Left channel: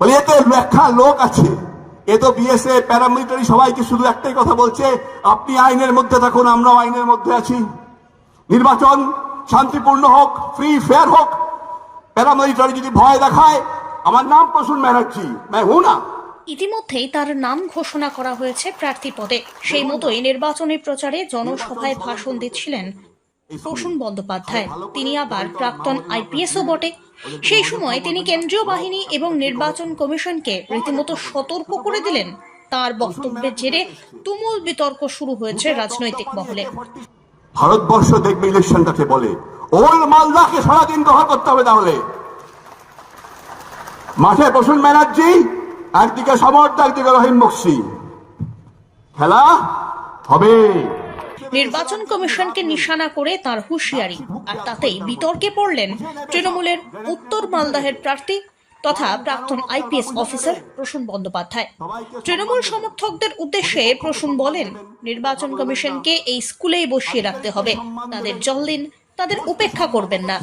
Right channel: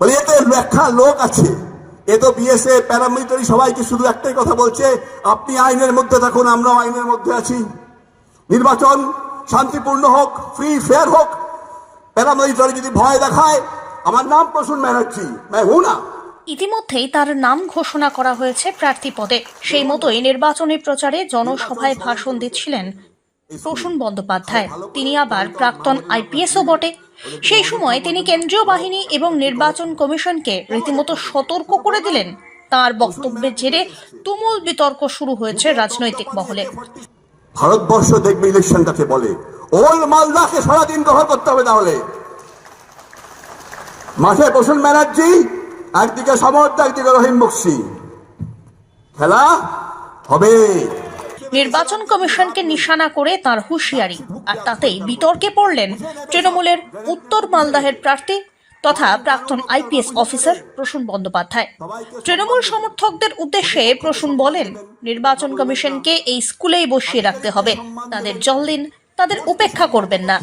বলে এতে ব্যাখ্যা লোক আছে, এ তো বিএসএফ প্যারামিলিটারি সবাইকে শুধু একটাই কথা বলছে, আপনি আইনের মধ্যে থাকুন, আমরাও আইনের মধ্যে আছি, নির্বাচন শান্তিপূর্ণ হোক, ফ্রি ফেয়ার হোক। প্যারামিলিটারি যদি ভয় দেখায়, আমার নাম প্রসূন ব্যানার্জি, না। ইতিমধ্যেই তার নাম ঘোষণা করা হয়েছে প্রার্থী পদে। সেই মতোই নির্বাচনী প্রচারে জনসভায় ভাষণ দিচ্ছিলেন প্রসূন বন্দ্যোপাধ্যায়। তিনি আবার প্রাক্তন আইপিএসও বটে। সেই সময় তিনি কেন্দ্রীয় বাহিনী এবং নির্বাচন কমিশনকে রীতিমতো সতর্ক করে দিলেন। তার বক্তব্যের জেরে তুমুল বিতর্ক শুরু হয়েছে রাজনৈতিক মহলে। ভারতবর্ষ দেখবে ইলেকশনটাকে বলে, ওল মালদাকে সারাদিন দখল করতে হবে। তাহলে মাঠে প্রসূন ব্যানার্জি, একদিকে সমর্থ, একদিকে রহিম বক্সি, খেলা হবে। নির্বাচন কমিশনকে নিশানা করে তার হুঁশিয়ারি, আর তাতেই বিতর্কে পড়লেন তৃণমূলের উত্তর মালদাহের প্রার্থী তথা প্রাক্তন আইপিএস অফিসার প্রসূন বন্দ্যোপাধ্যায়। তৃণমূল সমর্থকদের উদ্দেশ্যে প্রসূন বলেন, নির্বাচন কমিশনকে এই স্কুলেই বসিয়ে রাখতে হবে। তাদের জল দিন, তাদের উপেক্ষা করবেন না।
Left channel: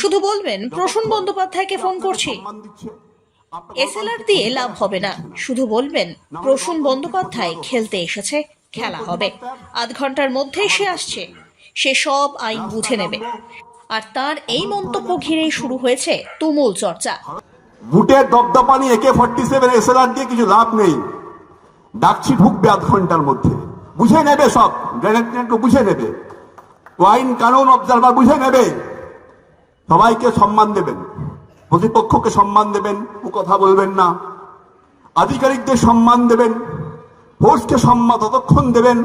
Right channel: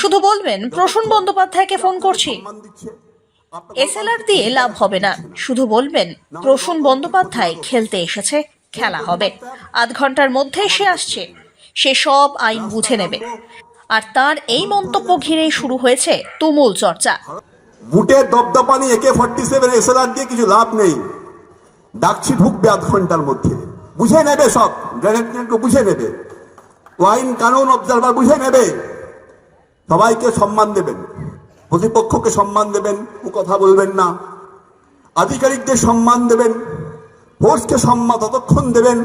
শুধু বলবেন প্রসূন বন্দ্যোপাধ্যায়কে ফোন করছি। এসএলআর দিয়ে লাভ হবে না, শুধু বলবেন প্রসূন বন্দ্যোপাধ্যায় খেলতে এসেছে, খেলা হবে। আধ ঘন্টার মধ্যে সে আসছে, সে সব আইন বুঝে নেবে। আর তার এই মন্তব্য ঘিরেই শুরু হয়েছে তুমুল চর্চা। বুটের দপদপানি AK-47 এসএলআর দিয়ে কিছু লাভ নেই। ডাকছি ঢুকবে আধ ঘন্টার মধ্যে, বুঝে নেবে, সব গ্রেনেড বুঝে নেবে, আইন কানুন অবজারভার বুঝে নেবে। সবাইকে সম্মান দেবেন, প্রতিপক্ষকে সম্মান দেবেন, ও কথা বলবেন না। আধিকারিকদের সম্মান দেবেন, ফোর্সকে সম্মান ততক্ষণ দেবেন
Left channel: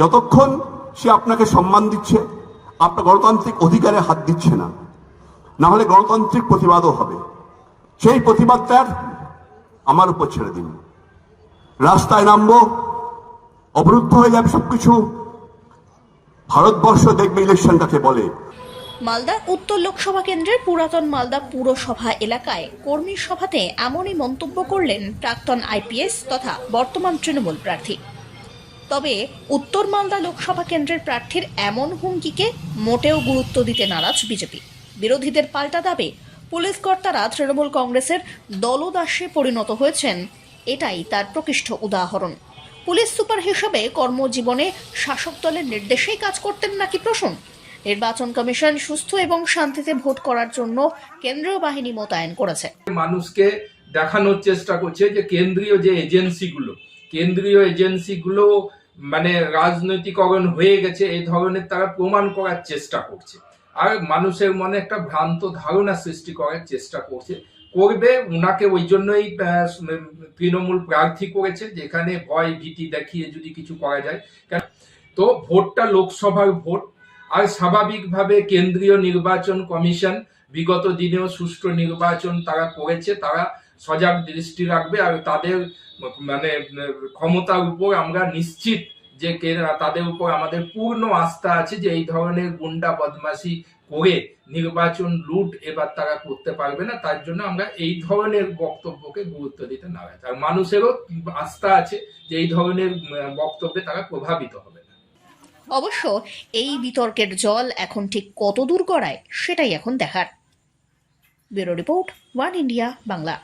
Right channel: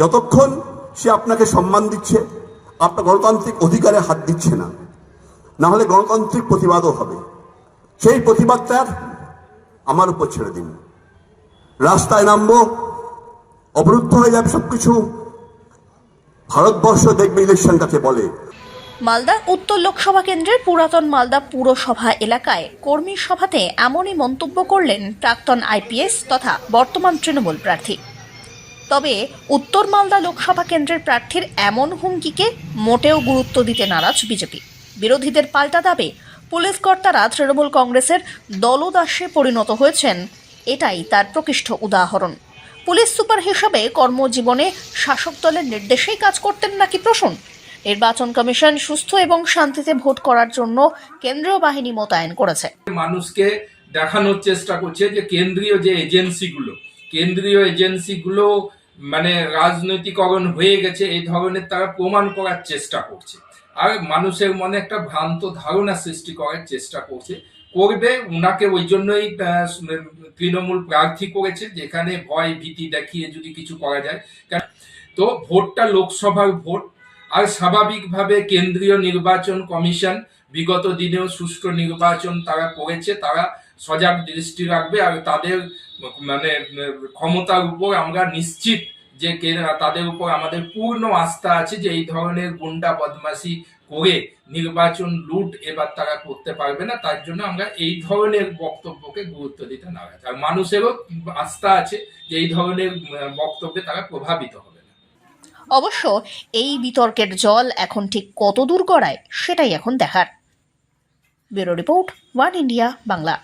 যতক্ষণ সে আপনাকে সম্মান দিচ্ছে, আপনার গণতান্ত্রিক অধিকারে হাত দিচ্ছে না। না হলে গণতান্ত্রিক প্রতিবাদও হবে। সেই প্রতিবাদটার আমার উপর ছেড়ে দিন। রাস্তায় নামবো, অবরুদ্ধ হয়ে যাবে সবকিছু। ভারতবর্ষ দেখবে ইলেকশনটাকে বলে। মালদা উত্তর লোকসভা কেন্দ্রের পুরাতন মালদা পুরসভা এলাকায় কর্মী সভাতে এমনই মন্তব্য করলেন প্রাক্তন আইপিএস তথা বর্তমান তৃণমূল প্রার্থী। তবে উত্তর মালদা লোকসভা কেন্দ্রের প্রার্থীর এমন হুমকিকে মোটেও গুরুত্ব দিতে নারাজ বিজেপি। বিরোধীদের পাল্টা দাবি, পুলিশ কর্তারা তৃণমূল কংগ্রেসের দলদাসে পরিণত হয়েছেন, এটাই তার প্রকৃষ্ট উদাহরণ। পুলিশ সুপার হিসেবে কর্মজীবনে শাসক দলের নির্দেশেই কাজ করতেন নাকি প্রসূন? নির্বাচন কমিশন সুস্থ এবং শান্তিতে ভোট করার জন্য কেন্দ্রীয় বাহিনী মোতায়েন করেছে। মানুষকে দেখানোর চেষ্টা করছে যে কেন্দ্রীয় এজেন্সিগুলো মানে রাজনৈতিকরণ হয়ে গেছে, এই ধরনের তারা প্রমাণ করার চেষ্টা করছে। আর মানুষের মনে একটা ভ্রান্ত ধারণা সৃষ্টি করার চেষ্টা করবে। উনাকে ওই জন্যই তৃণমূল প্রার্থী করেছে, যেখানে ভয় ভীতি দেখিয়ে যদি কিছু করা যায়। তো ভোটটা লোকসভার ভোট, আর স্বাভাবিকভাবে কেন্দ্রীয় নির্বাচন কমিশন বিগত দিনেও সুষ্ঠু নির্বাচন তারা করেছে, তারা সজাগ দৃষ্টি রাখবে। আর তাদের মানে ক্ষমতার উপর আমরা নিশ্চিত যে তাদের উপর আমাদের পূর্ণ আস্থা আছে যে এই ধরনের গুন্ডা বদমাশি করে নির্বাচন লুট এবার তারা করতে পারবে না। তার জন্য আমরা এই ধরনের বক্তব্যকে গুরুত্ব দিতে নারাজ। আর মানুষেরও আস্থা আছে যে এই ধরনের বক্তব্যে তারা প্রভাবিত হবে না। অবশ্য এই বিতর্কের জল এখন ঠিক কত দূর গড়ায় সেটাই এখন দেখার। Bureau report, one India Bangla.